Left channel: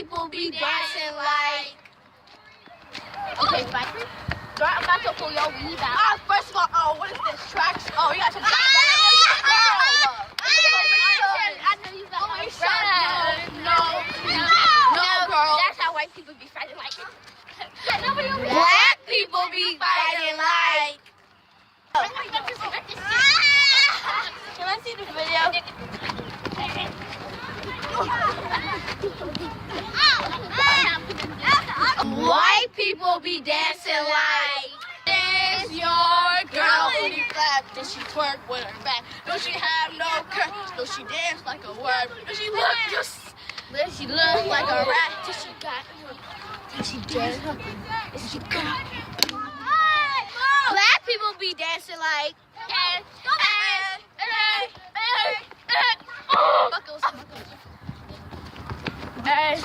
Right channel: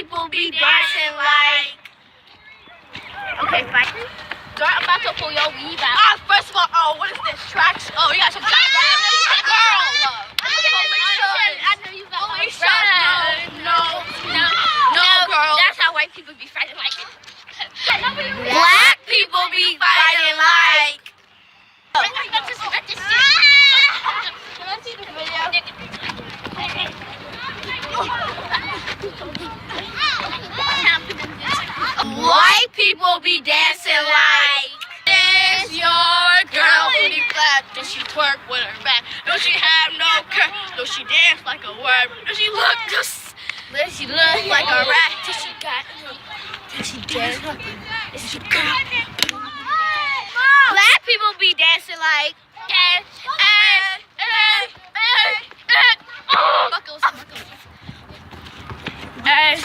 people be dancing like. Okay, fine. Girl, I'm about to pull your weave out. First of all, what is this? Tracks? Oh, you got some tracks. Girl, I knew you about No, girl. That's how white people be fighting like it. Black people be fighting like. Let's see the video. White people be dancing like. There's your girl booty clap. Does she twerk with her back? Does she have no curve? Does she dance like a worm? Does she look like a rat? Does she got? Does she dance? Is she girl? Black people be dancing like. Buckles. Okay.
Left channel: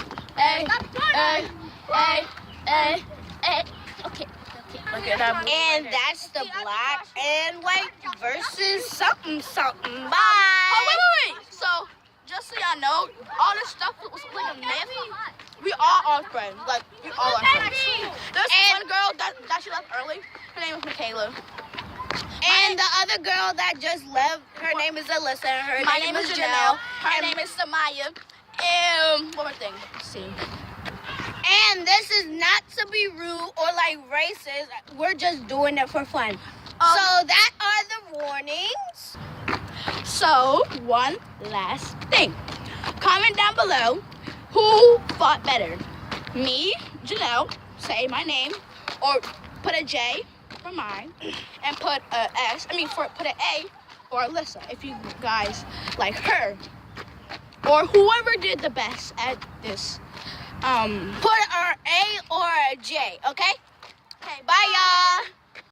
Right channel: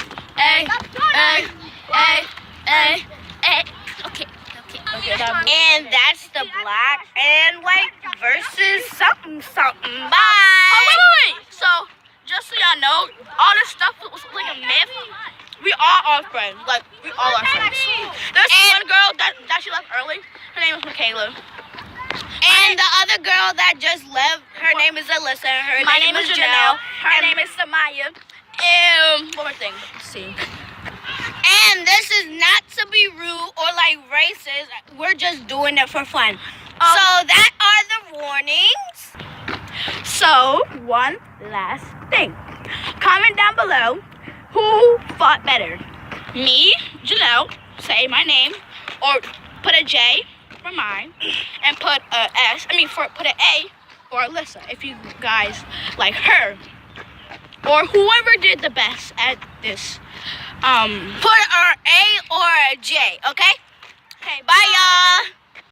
And that's the black and white versus something. Bye. Oh, wait. So, just so y'all know, all this stuff was like a myth. We all are friends. Like, we all are friends. There's one girl that she left early. Her name is Michaela. And the other girl that just left, her name is Alyssa. My name is Janelle. Her name is Samaya. And one more thing. Let's see. And this is not to be rude or like racist. We're just doing it for fun. So that are the warnings. So, one last thing. Comment down below who fought better. Me, Janelle, say my name, or put a J for mine, and put a S, put an A for Alyssa, if you guys like her. Or whoever did the best at this. Put an A or a J, okay? Okay, Bye, y'all.